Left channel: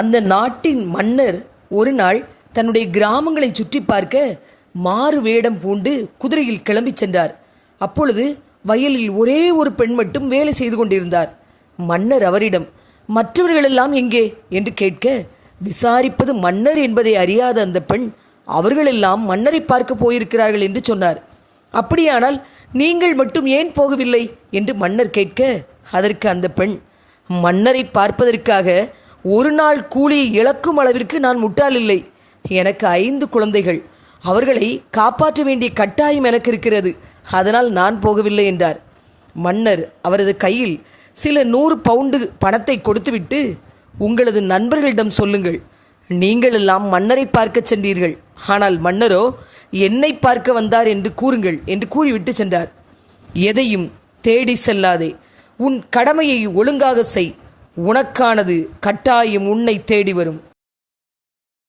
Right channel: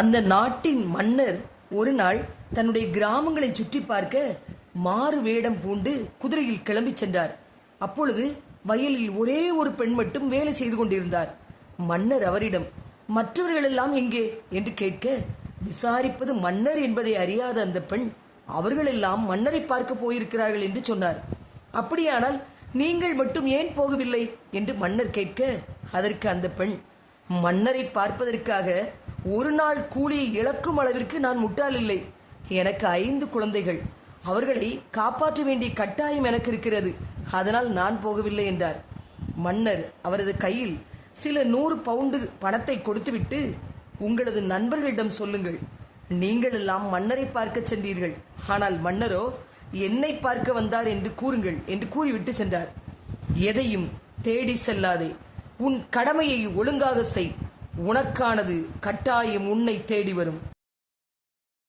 அந்த நாட்டின் மன்னர் ஒரு நாள் தன்னுடைய கிராமங்களை சுற்றி பார்க்க மாறு வேடம் பூண்டு குதிரையில் கிளம்பிச் சென்றார். அப்பொழுது வயலில் ஒரே ஒரு பெண் மட்டும் வேலை செய்து கொண்டிருந்தார். மன்னர் அவரிடம் மற்றவர்களெல்லாம் எங்கே? என்று கேட்க விசாரிப்பது மன்னர் என்பதை அறியாத அந்த பெண் அவர்களெல்லாம் மன்னரை பார்க்க போயிருக்கிறார்கள் என்று சொன்னார். அப்படியானால் நீங்கள் மட்டும் ஏன் போகவில்லை? என்று மன்னர் கேட்க அதற்கு அந்த பெண் மன்னரை பார்ப்பதற்காக ஒரு நாள் கூலியை இழக்கும் அளவிற்கு நான் முட்டாள் இல்லை. எனக்கு ஐந்து குழந்தைகள். அவர்களை காப்பாற்ற வேண்டிய கட்டாயம் எனக்கு இருக்கிறது. அதனால் நான் போகவில்லை என்றார். மன்னர் அவரது கையில் சில நூறு பவுண்டு பணத்தை கொடுத்துவிட்டு உங்களது நண்பர்களிடம் சொல்லுங்கள். நீங்கள் எல்லாம் மன்னரை பார்க்க சென்றீர்கள். ஆனால் மன்னரோ என்னை பார்க்க வந்தார் என்று கூறுங்கள் என்று கூறிவிட்டு சென்றார். எதையும் தேடி செல்லாதே. உன் கடமையை ஒழுங்காக செய். உனக்கானது கட்டாயம் உன்னை தேடி வரும்.